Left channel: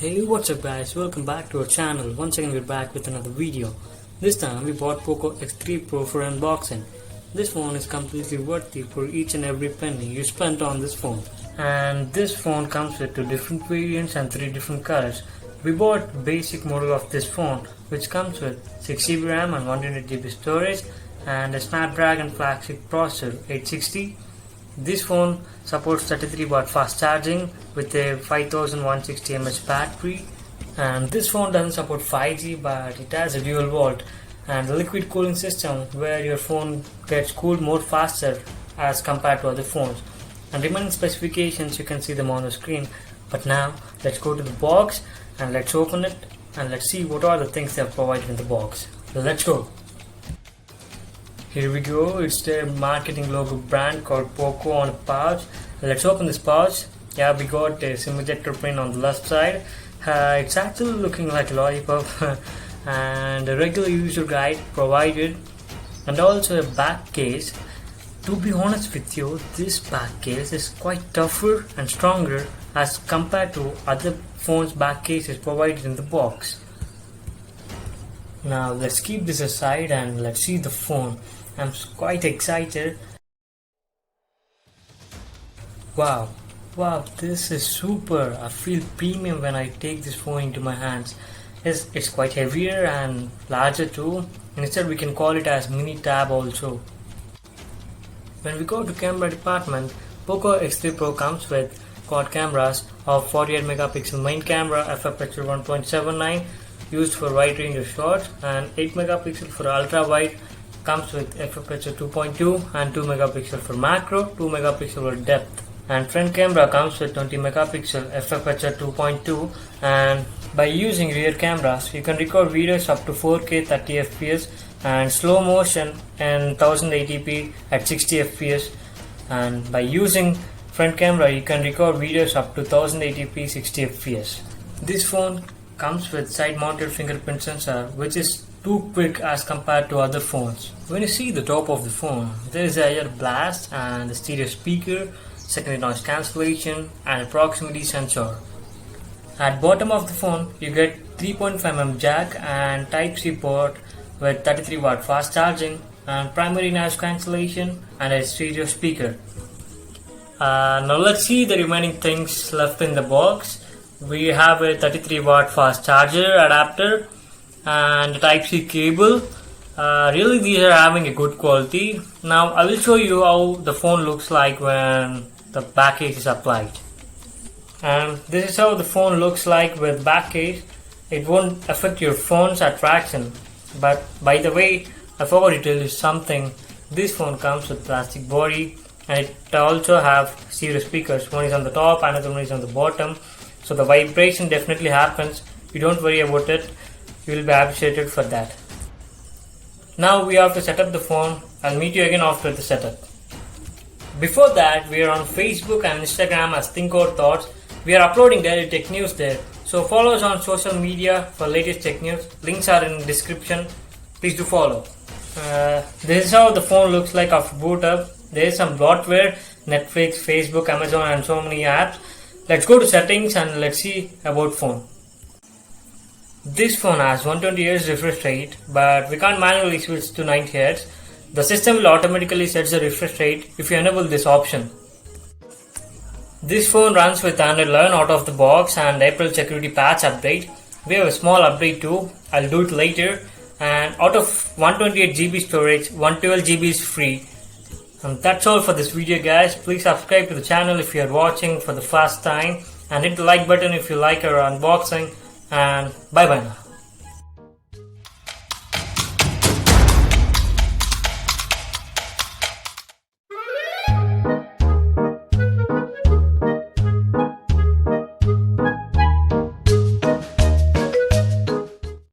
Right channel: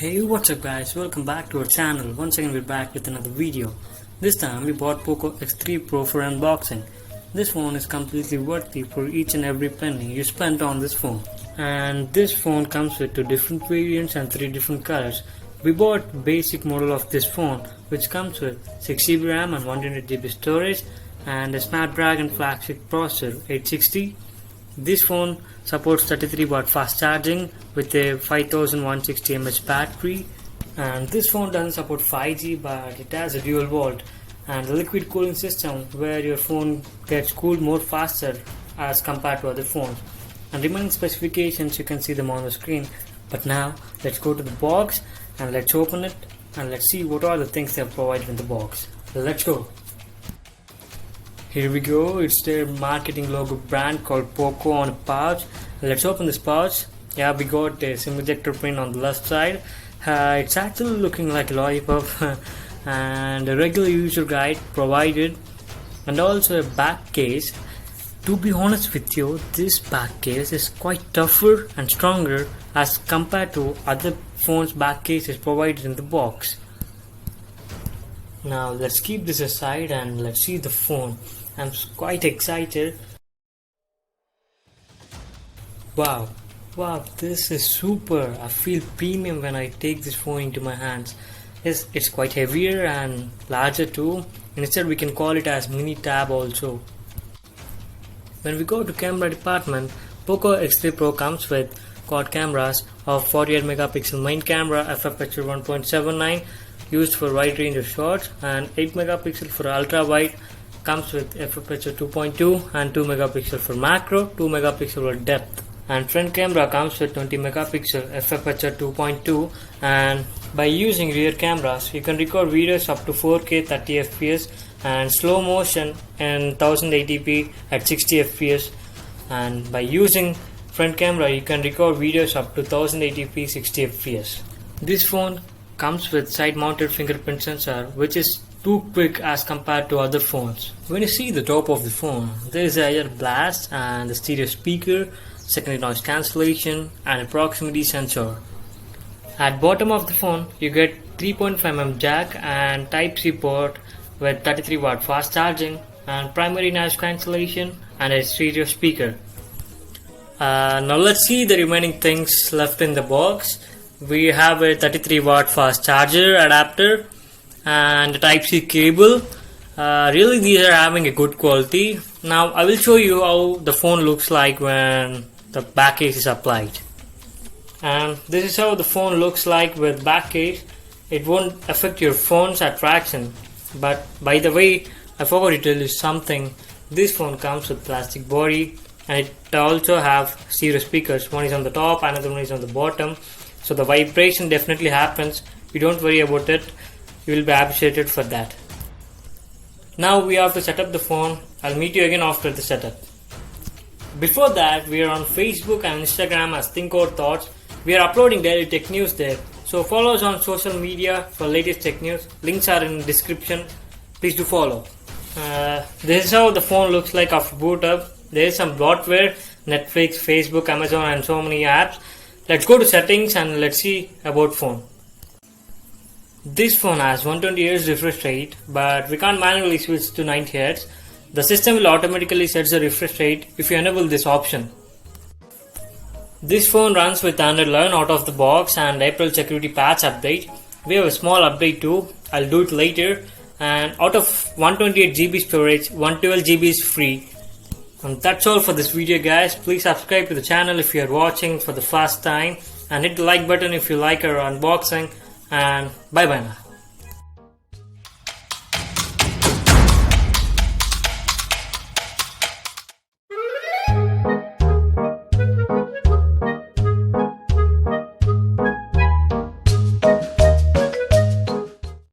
Hey, what's up guys, welcome back to our channel. Once again we're back with another video. This time we bought Poco X3 Pro for unboxing. This phone is completely worthy for each and every penny you spent on this phone. And this phone comes with 2 different variants and 3 different colors. We bought basic model of this phone which comes with 6GB RAM and 128GB storage and a Snapdragon flagship processor 860. This phone supports 33 watt fast charging with a 5160 mAh battery, and this phone doesn't support 5G but it has a dual volt and a liquid cooling system where your phone gets cooled more faster as compared to other phones. And remaining specifications you can see them on the screen. But now let's go to the box and let's open it and let's see what are the things they have provided in the box. So let's go. Here we go, it's their marketing logo brand called Poco on a pouch. Let's open this pouch. Yeah, we got a SIM ejector pin on the left side. It's actually looking like a lollipop and a regular user guide provided and also a back case. To be honest with you, this back case is quite tougher and stronger as compared to other phones' back cases provided in the box. Now let's keep this aside and let's see the phone. I'm quite excited. Wow, this is super. I feel premium when I take this phone into my hands. It's quite heavier and larger too. Instead we can call it as mini tab also. When we go to camera department, Poco X3 Pro comes with quad cameras of 48 megapixel main camera, f/aperture 1.79 used for wide range of shots, and 8 megapixel for ultra wide. Comes with f/aperture 2.2 and 2 megapixel for macro, 2 megapixel for depth. And front camera comes with 20 megapixel f/aperture 2.2, and by using rear cameras you can record videos up to 4K 30 fps and slow motion in 1080p at 60 fps, and by using front camera you can record videos up to 1080p 60 fps. This phone comes with side mounted fingerprint sensor which is too quick as compared to other phones. When you see the top of the phone, there is a air blast and the stereo speaker, secondary noise cancellation and a proximity sensor. At bottom of the phone you get 3.5mm jack and Type-C port with 33 watt fast charging and primary noise cancellation and a stereo speaker. Now let's see the remaining things left in the box. We have a 33 watt fast charger adapter and a Type-C cable. Really these are having a good quality. Now I will show you how the phone looks like when the back case is applied. And this is how the phone looks like with back case. It won't affect your phone's attraction. But by the way, I forgot to tell you something. This phone comes with plastic body and it also have stereo speakers. One is on the top, another one is on the bottom. So the vibration definitely happens. You don't worry about it. You will be appreciated for that. Now we have to set up the phone. I'll meet you again after the setup. Before that, we are on Facebook and Instagram as Think Out Thoughts. We are uploading daily tech news there. So follow us on social media for latest tech news. Links are in the description. Please do follow. This is how the phone looks like after boot up. There is some bloatware, Netflix, Facebook, Amazon and so many apps. Let's go to settings and let's see about phone. This phone has 120Hz refresh rate, but we can't manually switch to 90Hz. The system will automatically set the refresh rate if you enable this option. This phone runs with Android 11 out of the box and April security patch update. We have a small update too, I'll do it later. And out of 128GB storage, 112GB is free. And that's all for this video guys. Please subscribe to the channel if you are watching for the first time and hit the like button if you like our unboxing. And bye bye now.